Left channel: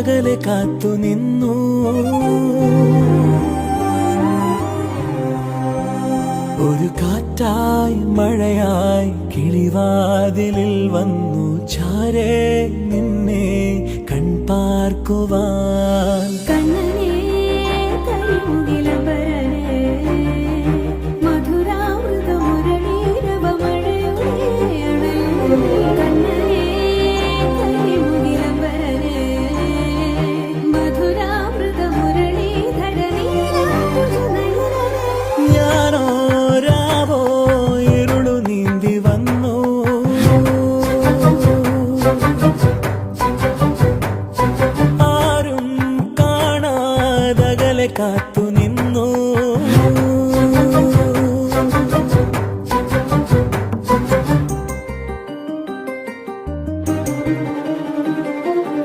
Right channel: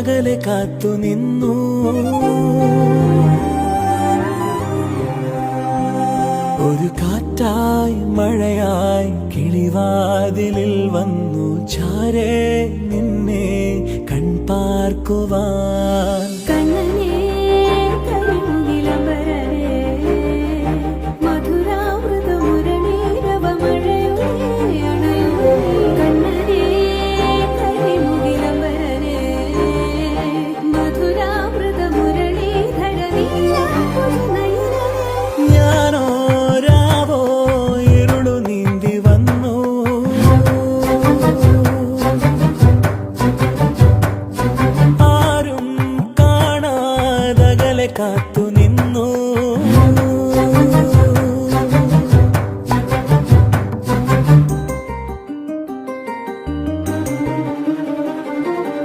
അകലെ കാത്തു നിന്നു. ഒരു കാറ്റായി മഴയായി കിളിവാതിലിൽ വന്നു ചാരേ നിന്നെ കൺപാർക്കുവാൻ. ആരും കാണാതകലെ കാത്തു നിന്നു.